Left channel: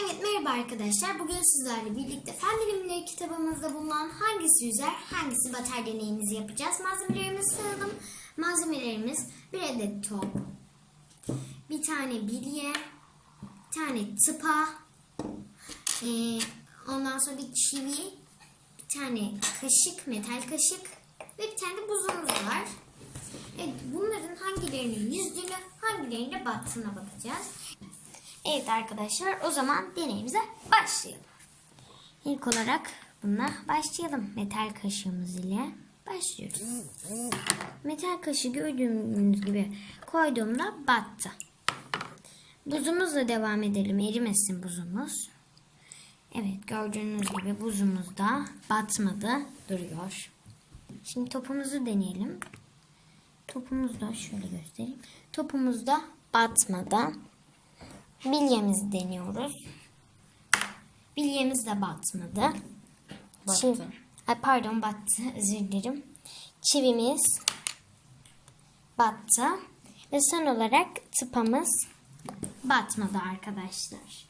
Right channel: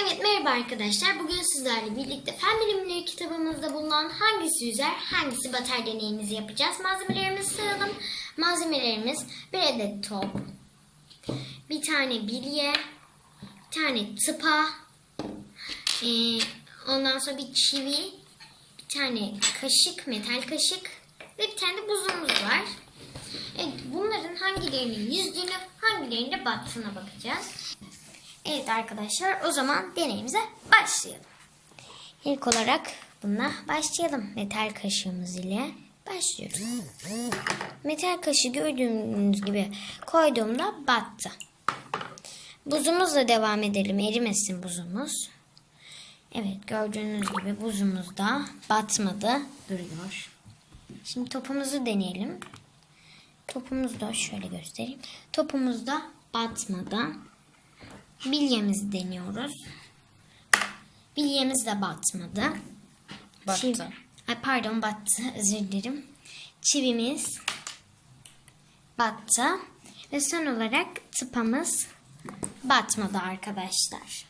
Evet merhaba arkadaşlar. Bugün sizlerle birlikte Fen Bilimleri kitabımızda bulunan hangisi yüzer, hangisi batar deneyimizi yapacağız. Malzemelerimizi sayalım. Malzemelerimiz bir adet top, bir tane bilye, bir tane tıpa, ee, ondan sonra bir çivi, bir tane kaşık, metal kaşık ve bir tane de buzumuz var. Evet, bunların hangilerinin yüzdüğünü, hangilerinin de battığına bakacağız. Evet arkadaşlar o zaman deneyimize başlayalım. İlk olarak bununla başlayalım. Metal kaşığımız ile başlıyoruz. Metal kaşığı gördüğünüz gibi koyduğumda battı. Buzumuzla devam edelim. Erimesin buzumuz. Evet gördüğünüz gibi buzumuz da batmadı. Duruyor. Şimdi topumuzu deneyelim. Topumuzu da şöyle göstereyim. Topumuz da batmadı. Bilyemizi deniyoruz. Bilyemiz de batmadı. Battı. Çiv- Ay pardon battı. Özür dilerim. Çivimiz battı. Ve son olarak tıpamız batmadı arkadaşlar.